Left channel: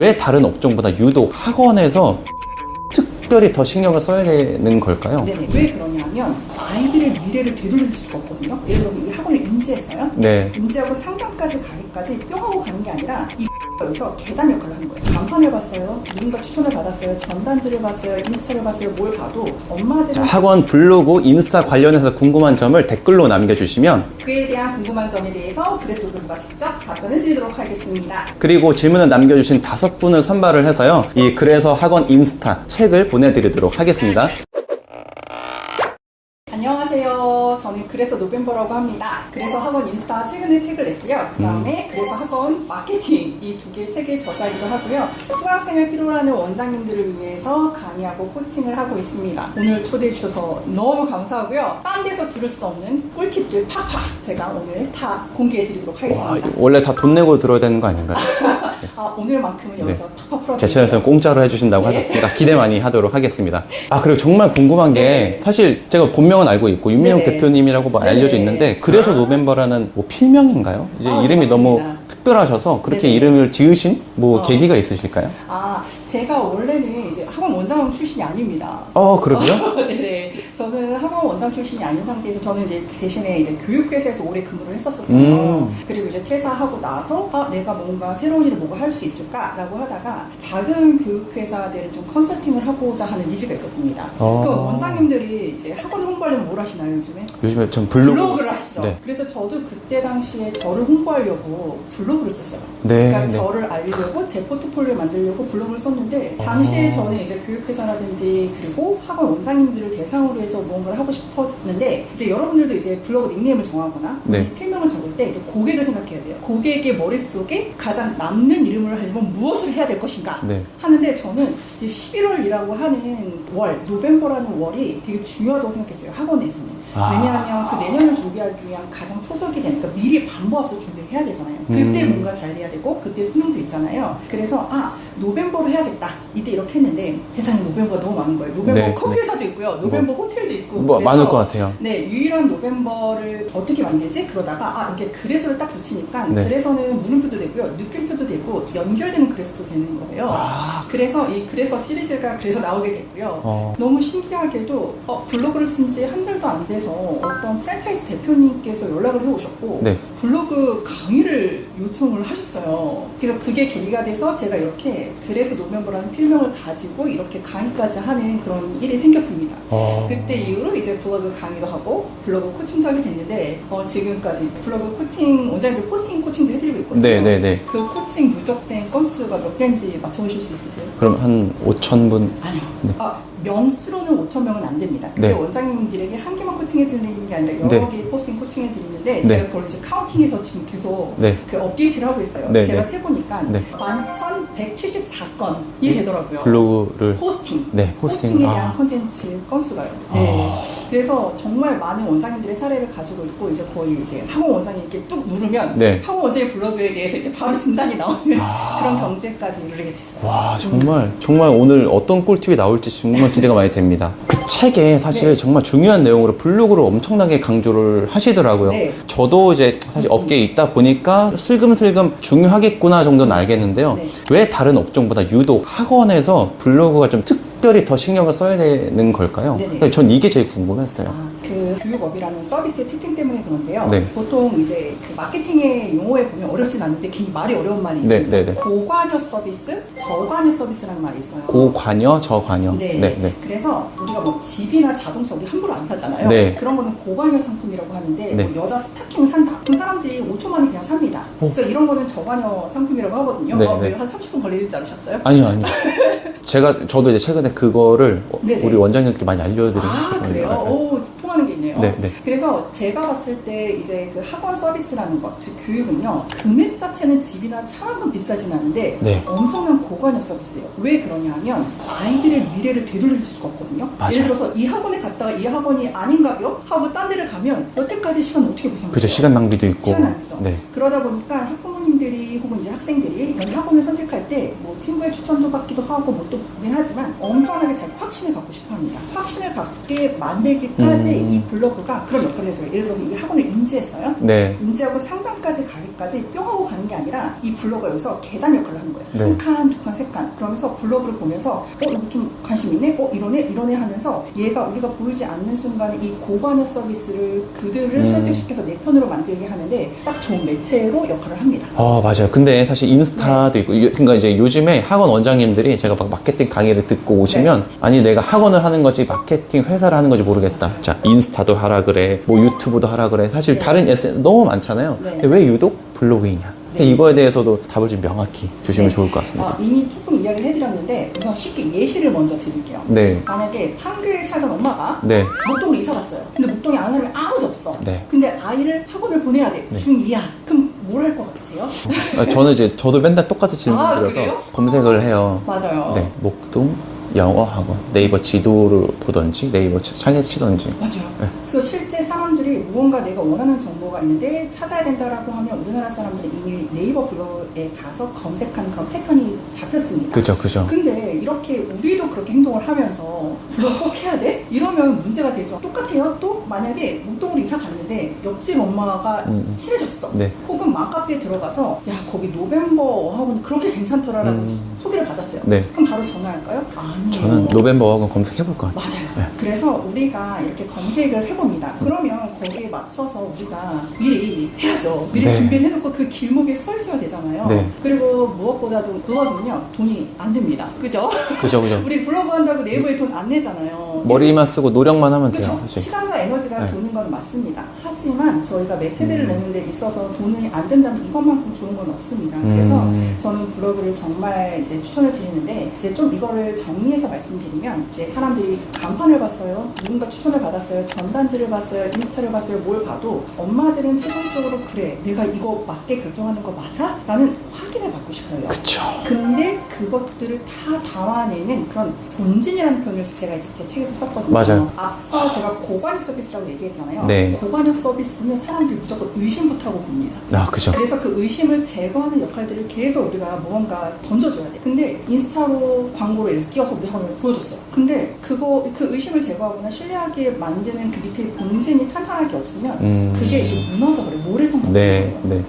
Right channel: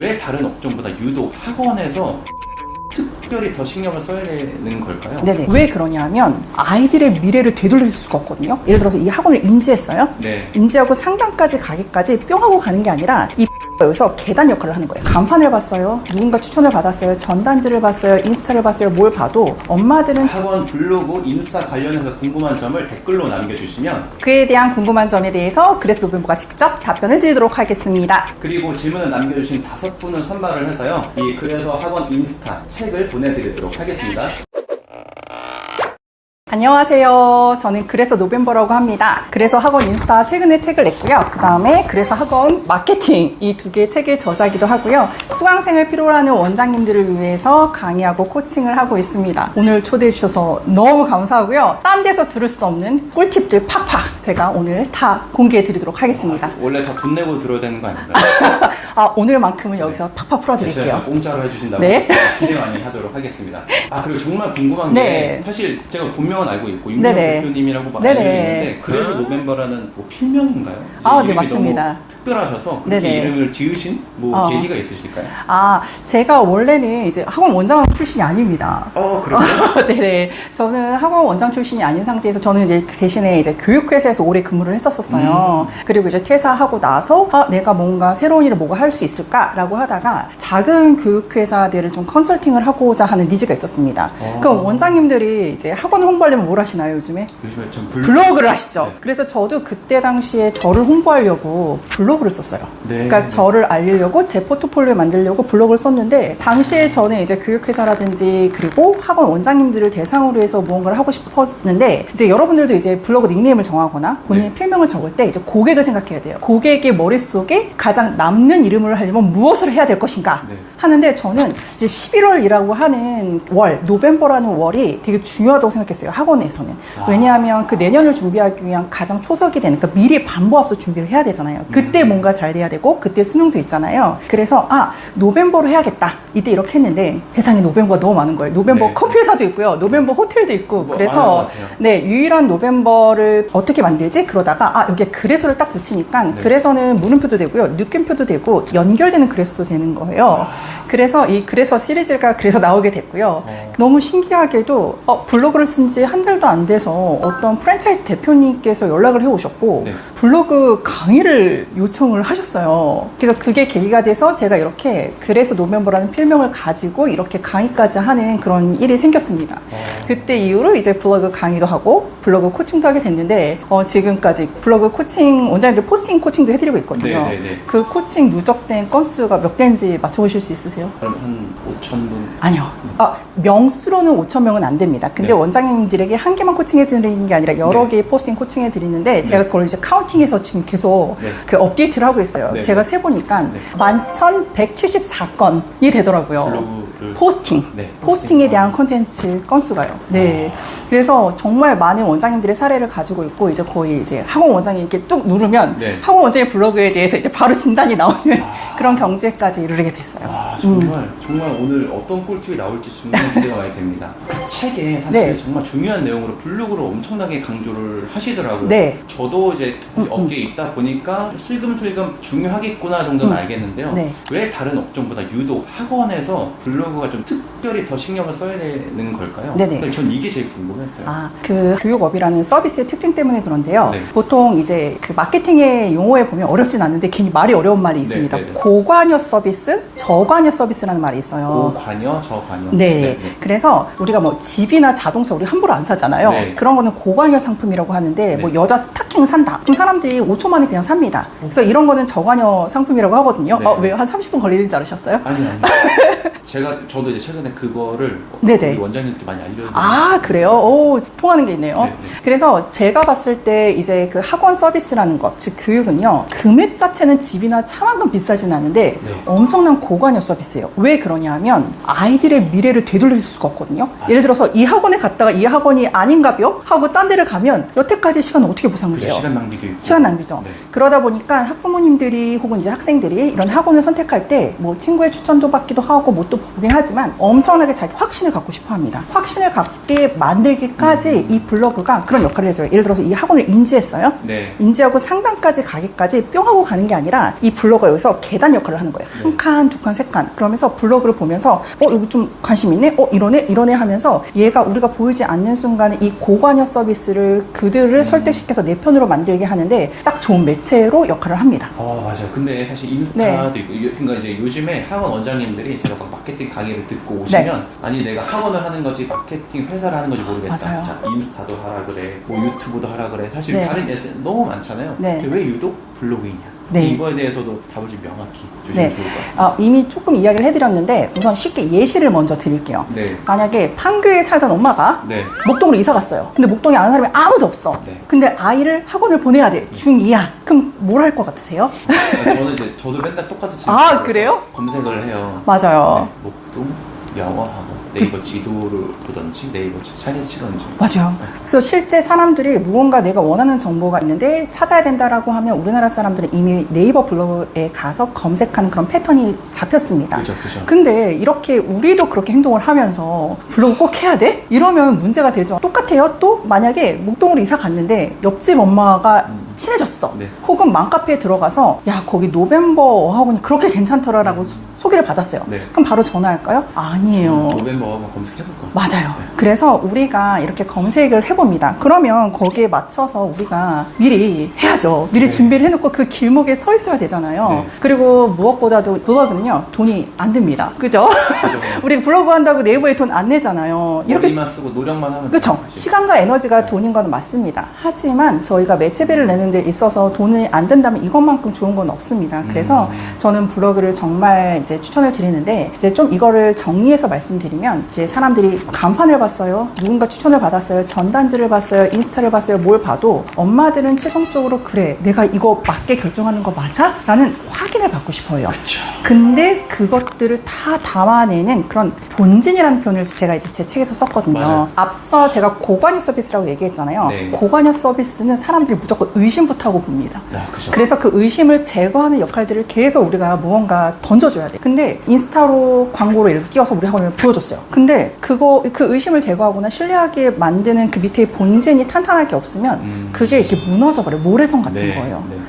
왜 다른 업종보다 유독 학원에서 특별히 더 신경을 써야 되는 걸까요? 네네. 왜 그러냐면 아이들의 미래를 되돌릴 수가 없거든요. 예를 들어서 이 학원을 인지했어요. 네. 인지하고 상담까지 가기까지 뿅 하고 가는 게 아니라 이 여기서 계단 역할을 하는 거예요. 간판을 봤어요. 누군가 추천을 받았어요. 전단지를 봤어요. 인스타를 봤어요. 뭘 봐도 엄마들은 학원 블로그, 인스타 관련해서 궁금한 점을 댓글로 남겨주시면 그에 대한 궁금한 점에 대해서 그래서 노벤버가 직접 답변을 드리도록 하겠습니다. 그리고 질문을 남겨주신 5분을 선발을 해서요 이 그래서 학원 인스타 책을 보내드리도록 하겠습니다. 안녕하세요. 저는 그래서 노벤버라고 합니다. 그래서 학원 인스타 최근에 책을 냈고요. 그 다음에 그래서 학원 마케팅 이 두 개의 책의 저자이기도 하고요. 수강생을 필요로 하는 원장님들을 위해서 강의하고 코칭을 하고 있습니다. 오늘 초대해 주셔서 너무 감사하고요. 딴 데서 들을 수 없는 꿀팁들 팍팍 제가 오늘 다 공개해 드리도록 하겠습니다. 와, 원래 다 돈 내고 들어야 되는 거 아닌가요? 아, 오늘만큼은 여기서 팍팍 제 풀어드릴게요. 채널에서 공짜로 해주신다고 네. 하셨습니다. 기대 많이 하도록 하겠습니다. 아 그리고 정말 궁금한 게 네. 사실 제가 본명은 알고 있고 윤명 네네. 대표님이라고 뭐 네네. 알려져 있는데 그래서 노벤버라는 뭐 필명인가요? 이제 아, 네, 이름이 너무 맞습니다. 특별하셔서 그렇게 네네. 이름을 지으신 뭐 어. 계기가 있으실까요? 아, 제가 원래는 이제 학원 원장 출신이 아닙니다. 그러면? 네네. 저는 학원 원장 출신이 아닌 상태에서 저는 이제 그 대신에 이제 교육회사에서 오래 근무를 했었어요. 그리고 이제 퇴사하고 나서 내가 뭔가 새로운 일을 뭐가 할 수 있을까라고 하다가 작은 교육회사들을 좀 컨설팅을 하고자 하는 니즈가 있었습니다. 그럼 원장님들이 이제 학원 홍보하려면 뭘 하시나요, 요즘에? 요즘에 전 블로그를 하시죠. 네. 그래서 저도 그때 당시에 저를 홍보하려고 블로그를 썼어요. 네, 그러니까 네. 저를 알리려고 제 포트폴리오 만들려고 블로그를 썼는데 당시에 저는 이제 교육회사라든지 그리고 학원 원장님들을 대상으로 해서 무언가를 하고 싶었는데 이제 여러분들도 이제 블로그 닉네임을 정하거나 본인 네. 필명을 적을 때 이제 고객을 생각해야 돼요. 고객의 머릿속에 가장 남는 이름을 하려면 무엇을 해야 될 것인가 네. 하는데 저는 이제 11월이라고 하는 월, 노벤버라는 월이 되게 중요하다고 생각했어요. 학원에서는. 왜냐하면 그 내년을 준비하기 위한 가장 초석이 되는 그러니까 미리 반복 앞서 준비를 해야 되잖아요. 그때 뭔가 잘 돼야 되고 그때 수능도 있잖아요. 그래서 노벤버로 해야겠다. 이때 이렇게 했는데 세상에 노벤버가 너무 많은 거예요. 노벤버 네. 커피 회사도 있고요. 노벤버 호텔도 있고 뭐, 그래서 많을 것 같아요. 네, 유일한 노벤버를 어떻게 만들지? 그러다가 여기에 그래서를 딱 붙이니까 네. 그래서는 물음표도 되고요. 느낌표도 되고 연결되는 그래서도 되는 거예요. 그래서 이 그래서 시리즈가 그래서 나오게 됐고요. 너무 신기하게도 블로그를 쓴 지 한 달도 안 돼서 어떤 프랜차이즈 대표님께서 연락을 해오셨고 네. 블로그 강의를 요청을 하셨어요. 그래서 그게 계기가 돼서 제가 이렇게 그래서 노멤버라는 필명을 가지고 이렇게 강의까지 하는 그런 일이 생겼습니다. 그때 이후로 이제 블로그 강의도 하고 블로그 코칭도 하게 됐는데 지금까지 블로그 코칭 원장님들 포스팅 코칭도 해드리고 있거든요. 네, 네, 네. 그 코칭 누적된 건수가 몇 개인지 맞춰보실 수 있으세요? 그럼 한 5,000분? 아니요. 네. 명수로는 5,000명은 안 됩니다. 근데 네. 원장님들에게 한 개만 코칭해드리는 게 아니라 여러 네. 개의 포스팅 코칭해드리는데 네. 제가 그걸 이제 카운팅해서 지금 계속 네. 그 업데이트를 하고 있어요. 네, 제가 네. 세보니까 네. 11,174건이 되더라고요. 블로그를 포스팅. 네, 포스팅에 포스팅. 대한 콘텐츠 건수가요. 네. 그래서 정말 많은 원장님들의 사례를 가지고 있고 이제 거의 이제 학원 원장님 이렇게 뚝 누르면 네. 학원 원장의 블로그에 대해서 이제 바로 진단이 나오는 그런 경지까지 이르게 됐어요. 와 정말 오늘 어떤 꿀팁이 나올지 정말 기대가 많이 됩니다. 그 책에 사실 네. 정말 중요한 내용으로 블로그를 엄청나게 강조를 하시더라고요. 네. 저도 이제 사실 업계에 있다 보니까 슬금슬금 중요하겠구나 정도는 알겠는데요. 네. 왜 다른 업종보다 유독 학원에서 블로그가 좀 특별히 더 신경을 써야 되는 걸까요? 네네. 전 이게 제일 궁금했어요. 그 교육업이라는 서비스의 특징 때문에 그런데요. 네. 보통 이제 그 마케팅의 용어에 보면 어렵진 않은데 괜히 말이 어려운 말이 있습니다. 네, 네, 네. 고관여 서비스, 저관여 서비스라는 말이 있어요. 고관여, 저관여. 네. 그래서 우리가 뭐 집이나 자동차 우리 함부로 안 사잖아요. 네. 그런 거는 고관여 상품이라고 하는데 네. 뭐 여자 스타킹 산다. 그럼 사람들이 5초 만에 그냥 삽니다. 그래서 이런 거는 저관여 상품이라고 하거든요. 네, 왜 네. 한 30분 걸리는 줄 알으셨어요? 아니요. 저도 이제 최근에 그거를 네네. 우리 원장님께 많이 알려드리고 그래요? 오, 통하는 게 있네요. 네, 네. 그래서 제가 봤을 때 이제 그 학원 서비스라는 것, 즉 교육은요, 금액 자체는 집이나 차만큼 비싸진 않은데 네. 엄청난 고관여 서비스예요. 왜 그러냐면 아이들의 미래를 되돌릴 수가 없거든요. 맞아요. 예를 들어서 이 학원에 갔다가 이 학원이 아닌가벼? 하고 딴 데를 가면 여태까지 시간을 어떻게 보상을 그죠, 해요? 시간 낭비도 있고. 시간 낭비죠. 네. 그러다 보니까 학부모님들이 혹은 이제 학생들이 이런 학원을 선택할 때 뭐 친구의 추천도 받기도 하고 뭣도 보긴 하지만 엄청나게 자기 확신을 갖고 싶어 합니다. 확신을 갖게 만들기까지 이 블로그가 그런 역할을 해줘요. 예를 들어서 이 학원을 인지했어요. 네. 인지하고 상담까지 가기까지 뿅 하고 가는 게 아니라 이 블로그가 여기서 계단 역할을 하는 거예요. 네. 한 칸, 두 칸, 세 칸. 그러면서 블로그를 보면서 여기 좀 관심 있네? 이러네 하면서 얘가 우리가 보이지 않는 순간에 이 고관여 서비스를 그들을 설득시켜서 내 편으로 만들게 하는데 딱 좋은 매체로 역할을 합니다. 맞아요. 근데 사실 인스타도 있고, 그러니까 이제 요즘에 학원 원장님들이 제가 막 마케팅 강의를 듣고 오시면, 아니, 내가 학원을 하는 거지, 마케팅 회사를 하는 건지 모르겠다. 맞아요. 자, 인스타도 하라 그래, 뭐 유튜브도 하라 그래. 사실 네. 다른 SNS 너무 많잖아요. 네. 근데 왜 유독 블로그이냐? 네. 이거에 대해서도 답을 좀 명확히 주시면 네. 좋을 것 같습니다. 이미 조금 이야기를 해드렸는데 우선 쉽게 예시를 먼저 드릴게요. 네. 만약에 판교에 살던 엄마가 네. 목동으로 이사 갔어요. 근데 목동에 아는 사람이 아무도 없어. 네. 근데 아이를 학원을 보내야 돼. 중2야. 그럼 뭘 할 것 같으세요? 저도 맨날 똑같이 질문을 아, 드려서 그래요? 검색을 해요. 맞아요. 네. 목동 영어 학원. 네이버 지도를 보던지, 네이버 창에 치던지. 맞아요. 네. 그래서 실제 사람들이 무언가 내가 원하는 정보가 있는데 찾아야 된다라고 하면 우리나라 사람들은 이미 네이버 블로그에 가서 검색하는 그런 패턴이 잡혔습니다. 그죠. 근데 이렇게 우리도 그렇게 행동을 하면서 블로그 꼭 해야 돼? 이러면 문제가 되죠. 똑같아요. 또 만약에 목동으로 이사 갔는데 옆집 엄마가 친해졌어. 네. 혹은 맘카페에 들어가서 야 거기 노벤버 어학원이 그렇게 괜찮더라라고 소개를 받았어요. 네. 그럼 바로 전화할까요? 아니에요. 저는 노벤버 어학원 검색해볼 것 같아요. 맞아요. 네. 그래서 우리가 이렇게 검색을 해봅니다. 그러면 거기에 맞춰서 우리가 미리 해야죠. 미리 네. 준비를 해놓고 그 길목에 서 있어야 되잖아요. 네. 그리고 무엇보다도 블로그는요, 돈이 안 듭니다. 그죠? 그죠. 우리 블로그 한다고 네이버에 돈 안 내잖아요. 이렇게 머리만 쓰고 노력만 하면 그렇죠. 돼요. 그죠? 시간과 에너지가 네. 돈인 건 맞습니다. 하지만 저희가 매체비를 내는 데 있어서 돈이 안 든다면 이것만큼 좋은 건 없습니다. 그래서 저는 블로그를 정말 이제 추천을 드리는데 이제 좀 이거를 정리해서 말씀드리면 이제 사람들이 간판을 봤어요. 누군가 추천을 받았어요. 전단지를 봤어요. 인스타를 봤어요. 뭘 봐도 엄마들은 최종적으로 그래 내가 이거 맞게 결정하는 거 맞아? 라는 확인을 받고 싶어요. 그쵸. 근데 그것들을 다 담아내는 그런 본진이라는 표현을 제가 이제 제 책에서 썼거든요. 맞아요. 앞서 제가 고관여 서비스라고 얘기했잖아요. 네. 고관여 서비스는 사람들이 무조건 의심부터 하고 봅니다. 그죠. 그래서 그 의심을 제거하는 역할들을 계속 우리가 무언가 던져줘야 돼. 근데 인스타로 광고로 예를 들어서 띄워서 우리 학원을 보여줬어요. 근데 그 의심을 제거하거나 신뢰하게 만드는 그 밑에 본진이 탄탄하게 없으면 그게 이렇게 무너져버려요. 모래성 같은 네. 거예요. 네.